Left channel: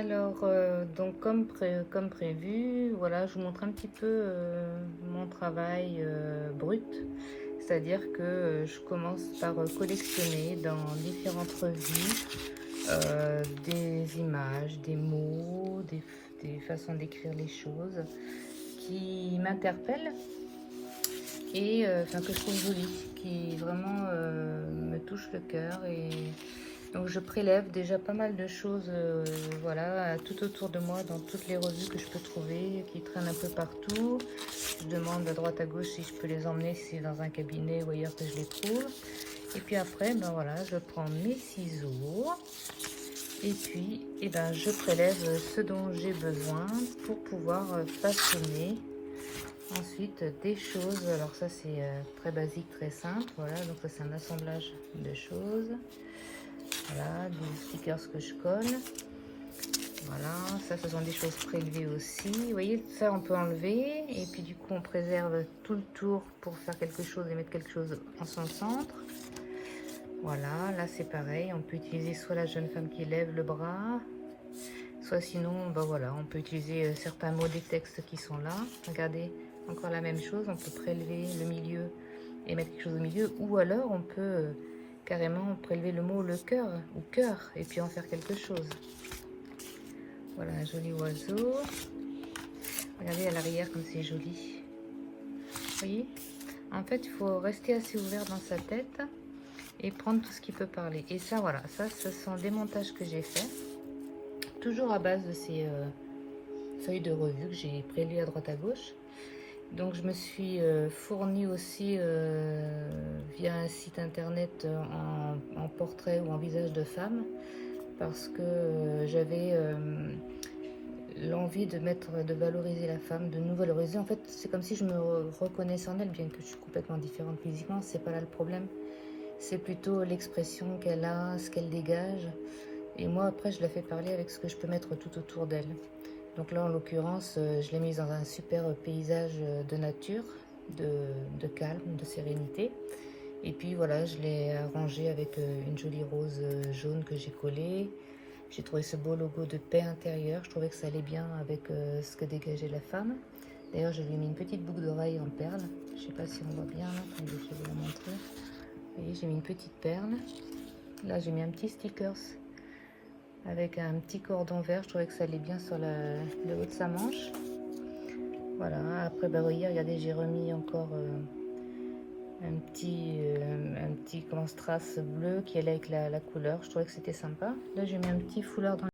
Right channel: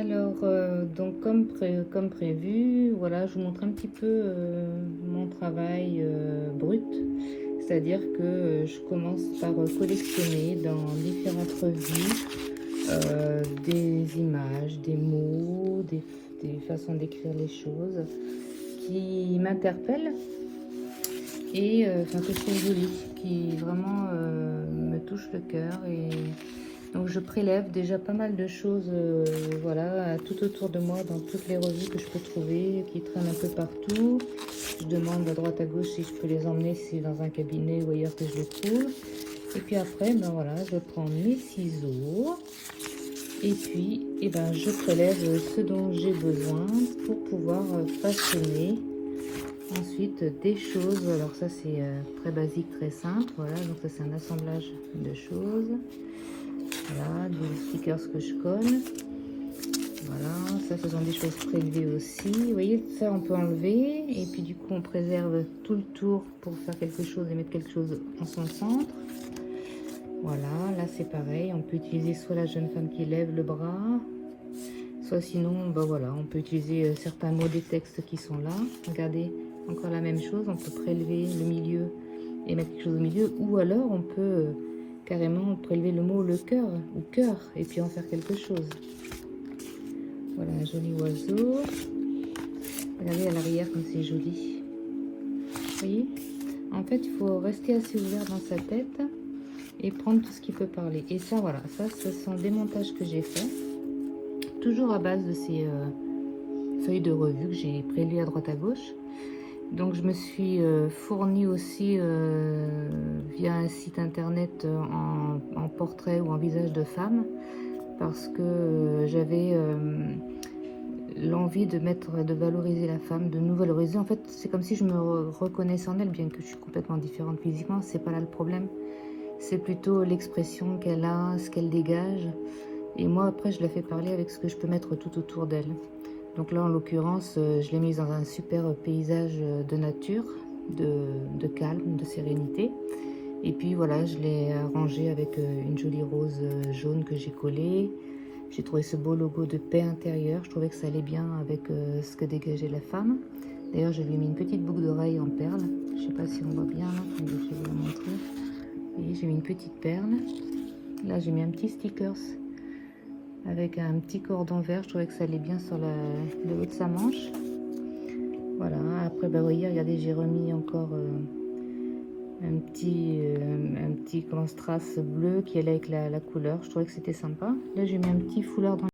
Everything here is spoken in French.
Alors, donc comme prévu, voilà, je vous montre un petit peu mon travail brut. C'est-à-dire que je commence par collectionner dans différentes revues des images, des mots, des façons d'écrire les choses qui m'interpellent et enfin que je trouve jolies, qui vraiment me touchent le cœur. Et donc je prélève déjà pas mal de choses voilà, tout autour de moi, dans toutes les revues que je peux trouver, qui traînent un peu partout. Je demande à droite à gauche si je peux les emmener, si c'est dans un cabinet ou ailleurs que je les trouve. Et puis après, ben voilà, je prends mes ciseaux et puis ben, je prélève ce dont j'ai besoin pour pouvoir façonner ensuite des choses. Alors ça c'est très basique, très simple. Voilà, donc ça c'est un assemblage de choses. Voilà, des stickers que je colle. Voilà, ça ce sont des choses prélevées aussi. Vous voyez, ça on peut enlever et puis du coup on préserve tout le tour pour faire quelque chose et mettre quelque chose en son centre. Voilà, là c'est pareil, on peut utiliser soit la jeune femme qui lève le bras, soit sinon, ben voilà, on peut utiliser certains mots des textes qui sont là. Regardez, encore la même chose, on peut prélever le milieu et mettre quelque chose au milieu, ou alors on peut carrément prélever le mot le cœur ou cœur et puis en faire quelque chose. Voilà un joli oiseau. Regardez à l'arrière comme c'est joli. Vous voyez, en fait il faut rester assez ouvert dans sa tête et prendre tout ce qui peut parler. Et ça voilà, ça ce sont des montages que j'ai fait, toujours à base de ces feuilles de revue que j'ai prélevées à droite à gauche. Donc je me suis fournie aussi via un site internet en portrait ou en visage de femme, parce que j'avais l'envie de valoriser la femme, de nous valoriser. En fait, c'est comme si je me reconnaissais en elle, bien que je suis complètement différente physiquement, c'est pas là le problème. C'est plutôt l'expression qu'elle a, ce qu'elle dégage. Et moi, après, je la fais parler avec ce que je peux mettre tout autour d'elle. Donc là, en l'occurrence, je l'ai mise dans un super paysage de nature, de calme, de sérénité. Et puis voilà, je l'ai arrangé avec une jolie rose jaune que j'ai collée. J'ai trouvé ce beau logo de paix intérieure. Je trouvais que ça allait bien avec ce que dégageait la femme. D'ailleurs, je lui ai mis une petite boucle d'oreille en perles. Je ne sais pas si on voit bien. Je vais vous montrer. Vous voyez, j'ai mis une petite perle. Là, j'ai mis un petit stickers avec un petit cordon vert. Je trouvais que ça allait bien sur le haut de sa manche. Voilà, après, bah, vous voyez, regardez, j'ai remis encore un petit grand strass bleu qui allait avec la couleur. Je trouvais que c'était sympa. Là, j'ai mis un petit foulard dans